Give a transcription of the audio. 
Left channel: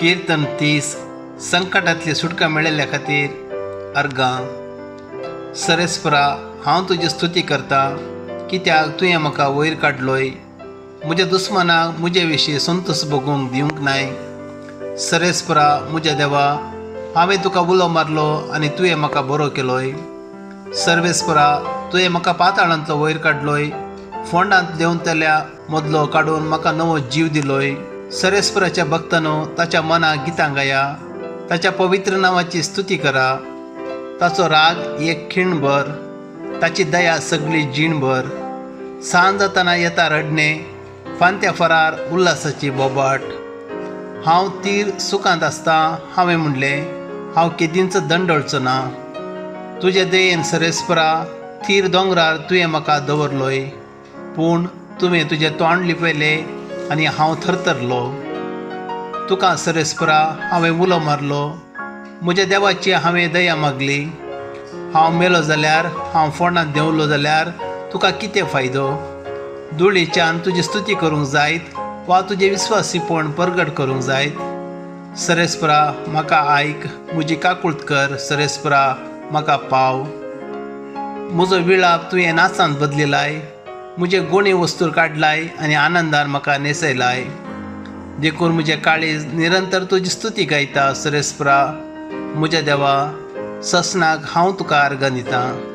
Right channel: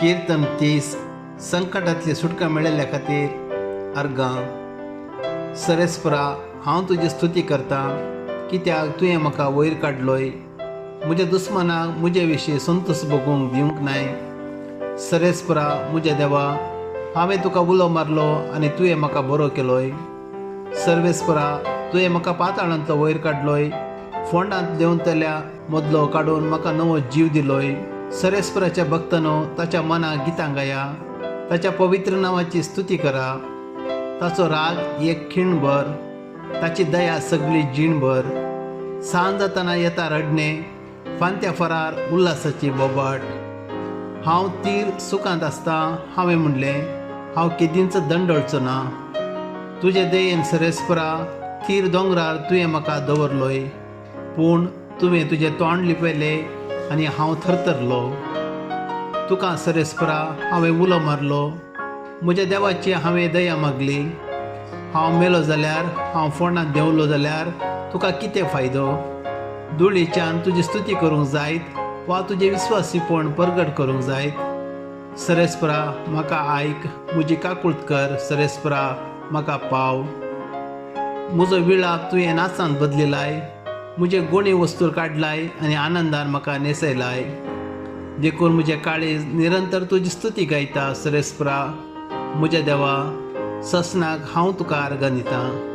कीर्तन 30 संकटातली सुटका मेळयल्या खातीर अर्गां. सरेस्परा, हांव तुजी स्तुती करता, कित्याक तुवें म्हाका वयर काडलोय. म्हज्या दुस्मनाक म्हजे विशीं संतोश भोगूंक दिवंक नाय. सरेस्परा, म्हज्या देवा, हांवें तुका उलो मारलो आनी तुवें म्हाका बरो केलोय. सर्वेस्परा, तुवें म्हाका पाताळांतलो वयर काडलोय, फोंडांत देंवतल्या मदलो काडून म्हाका नवो जीव दिलोय. सरेस्पराच्या भक्तांनो, ताच्या मनाक गितां गाया, ताच्या पवित्र नांवाची स्तुती करा. ताचो राग एक खिणभर, ताची दया सगळी जीणभर. सांज जातना येता रडणे, फांत्या फरार उल्हासाची बोबाट. हांव तीर सुखांत आसता हांवें म्हणलें, हांव केदींच दंडळचो ना. तुजे दयेन सरेस्परा, थीर दोंगरार तुवें म्हाका दवरलोय, पूण तुवें तुजें तोंड लिपयलें आनी हांव थरथरलो. तुका सरेस्परा हांवें उलो मारलो, म्हज्या देवाची हांवें दया मागली. हांव मेलो जाल्यार, हांव फोंडांत देंवलो जाल्यार तुका कितें फायदो? धुळीच्यान तुजी स्तुती करूंक जायत वा तुजें विस्वासीपण परगट करूंक जायत? सरेस्परा, म्हाका आयक, म्हजी काकूळट कर. सरेस्परा, म्हाका पाव. म्हजो विळाप तुवें नाचांत बदलिलाय, म्हजे गुणी वस्तूर काडलाय आनी आनंदान म्हाका नेसयलाय. देखून म्हजें काळीज निरंतर तुजी स्तुती गायता. सरेस्परा, म्हज्या देवा, ससनाक हांव तुका अर्गां दितां.